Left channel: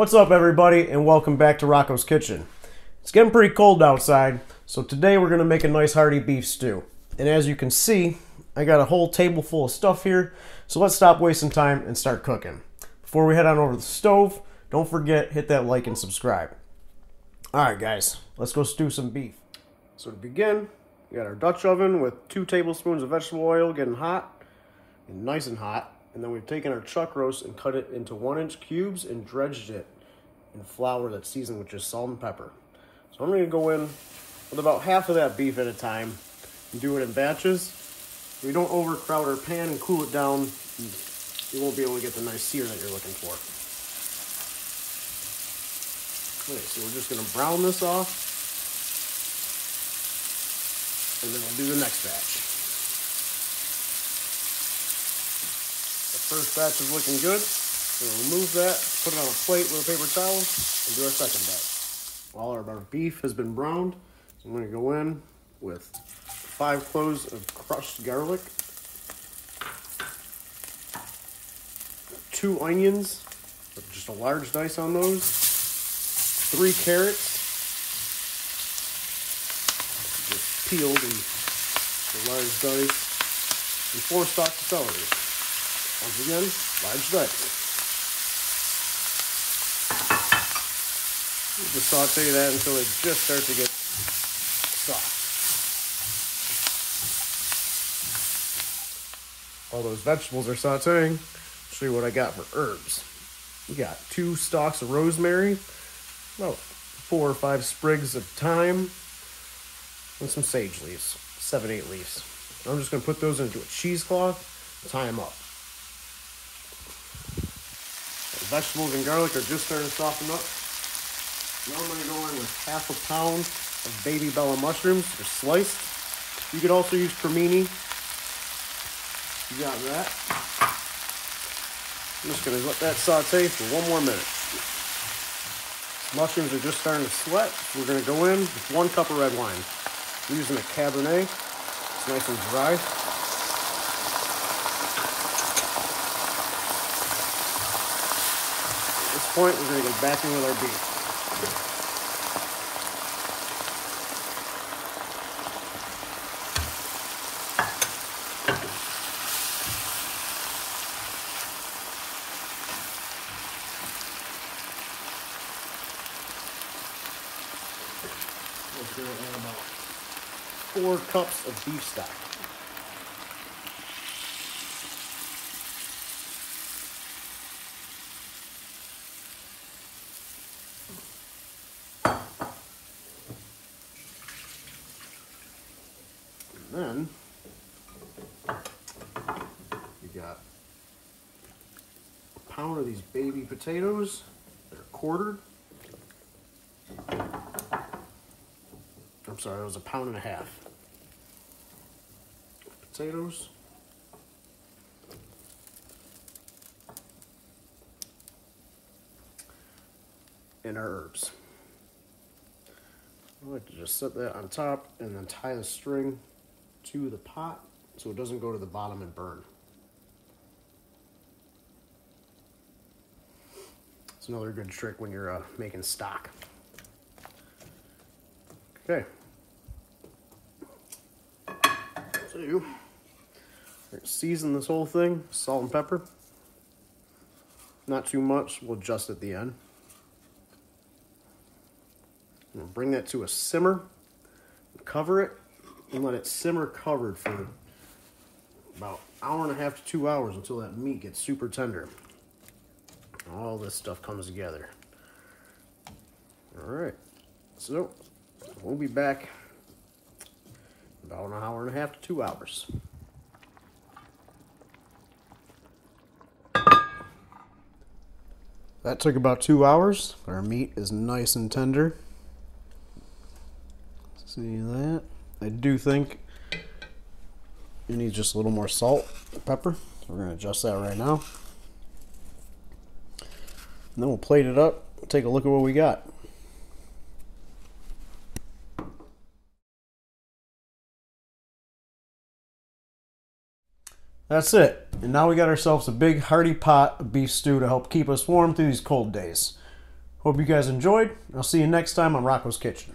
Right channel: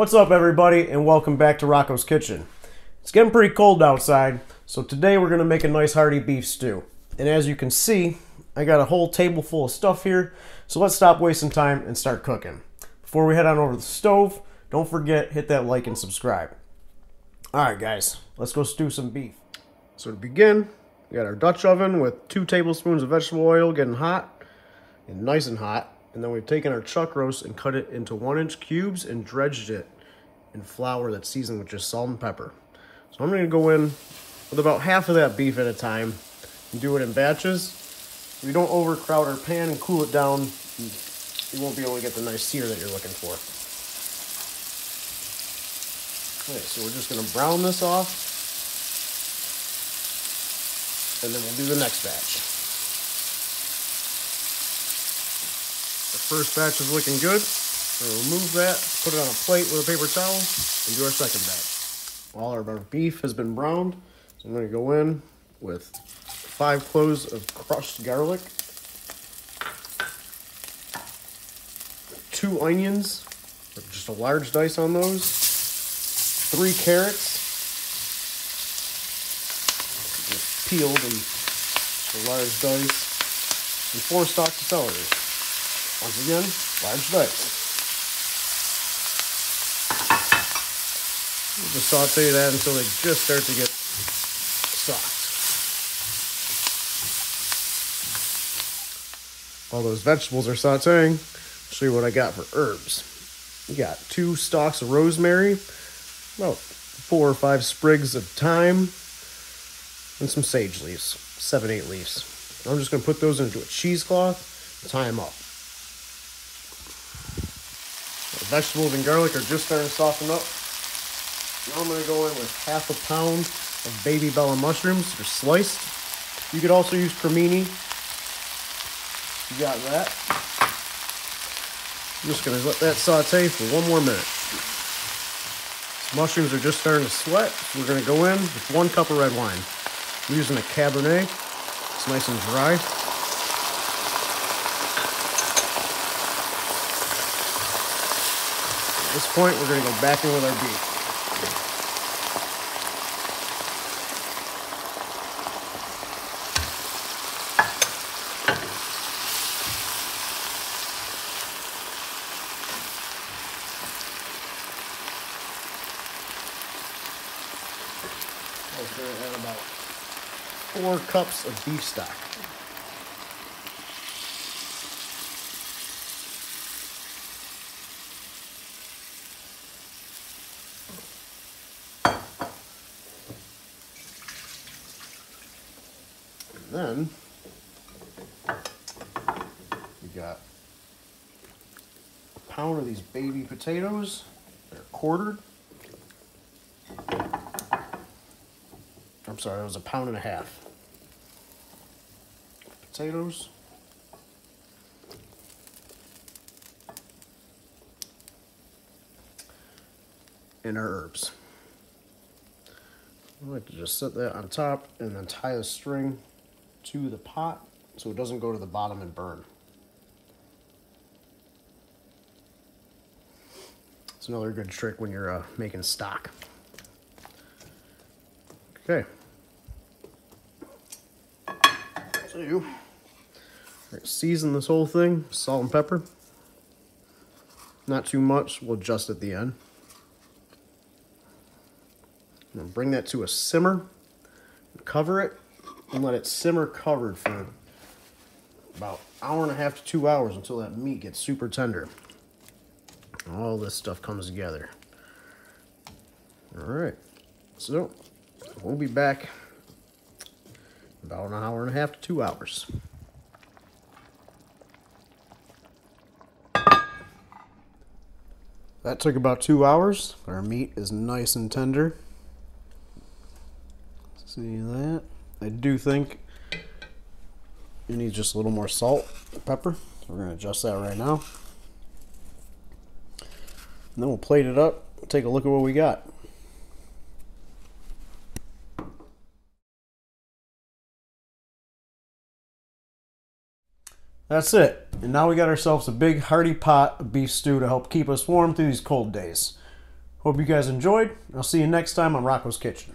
What's up, everybody, and welcome back to Rocco's Kitchen. It's getting pretty cold outside, so today we're going to make a nice hearty beef stew. And as you can see, I got a whole table full of stuff here, so let's stop wasting time and start cooking. Before we head on over to the stove, don't forget, hit that like and subscribe. Alright guys, let's go stew some beef. So to begin, we got our Dutch oven with 2 tablespoons of vegetable oil getting hot, and nice and hot. And then we've taken our chuck roast and cut it into 1-inch cubes and dredged it in flour that's seasoned with just salt and pepper. So I'm going to go in with about half of that beef at a time and do it in batches. We don't overcrowd our pan and cool it down. You won't be able to get the nice sear that you're looking for. Okay, so we're just going to brown this off, and then we'll do the next batch. First batch is looking good. We'll remove that, put it on a plate with a paper towel, and do our second batch. All our beef has been browned, so I'm going to go in with 5 cloves of crushed garlic, 2 onions, just a large dice on those, 3 carrots, just peeled and a large dice, and 4 stalks of celery. Once again, large dice. Just saute that until they just start to get soft. While those vegetables are sauteing, I'll show you what I got for herbs. We got 2 stalks of rosemary, about 4 or 5 sprigs of thyme, and some sage leaves, 7-8 leaves. I'm just going to put those into a cheesecloth and tie them up. Vegetables and garlic are just starting to soften up. Now I'm going to go in with half a pound of baby bella mushrooms, just sliced. You could also use cremini. You got that. I'm just going to let that saute for 1 more minute. Mushrooms are just starting to sweat. We're going to go in with 1 cup of red wine. I'm using a Cabernet. It's nice and dry. At this point, we're going to go back in with our beef. We're going to add about 4 cups of beef stock. Then we got a pound of these baby potatoes. They're quartered. I'm sorry, it was a pound and a half. Potatoes. And our herbs. I like to just set that on top and then tie the string to the pot so it doesn't go to the bottom and burn. It's another good trick when you're making stock. Okay. So, season this whole thing, salt and pepper. Not too much, we'll adjust at the end. I'm gonna bring that to a simmer, cover it, and let it simmer covered for about 1.5 hours to 2 hours until that meat gets super tender. All this stuff comes together. All right, so we'll be back about 1.5 hours to 2 hours. That took about 2 hours. Our meat is nice and tender. See that? I do think it needs just a little more salt and pepper. So we're going to adjust that right now. And then we'll plate it up and take a look at what we got. That's it. And now we got ourselves a big hearty pot of beef stew to help keep us warm through these cold days. Hope you guys enjoyed. I'll see you next time on Rocco's Kitchen.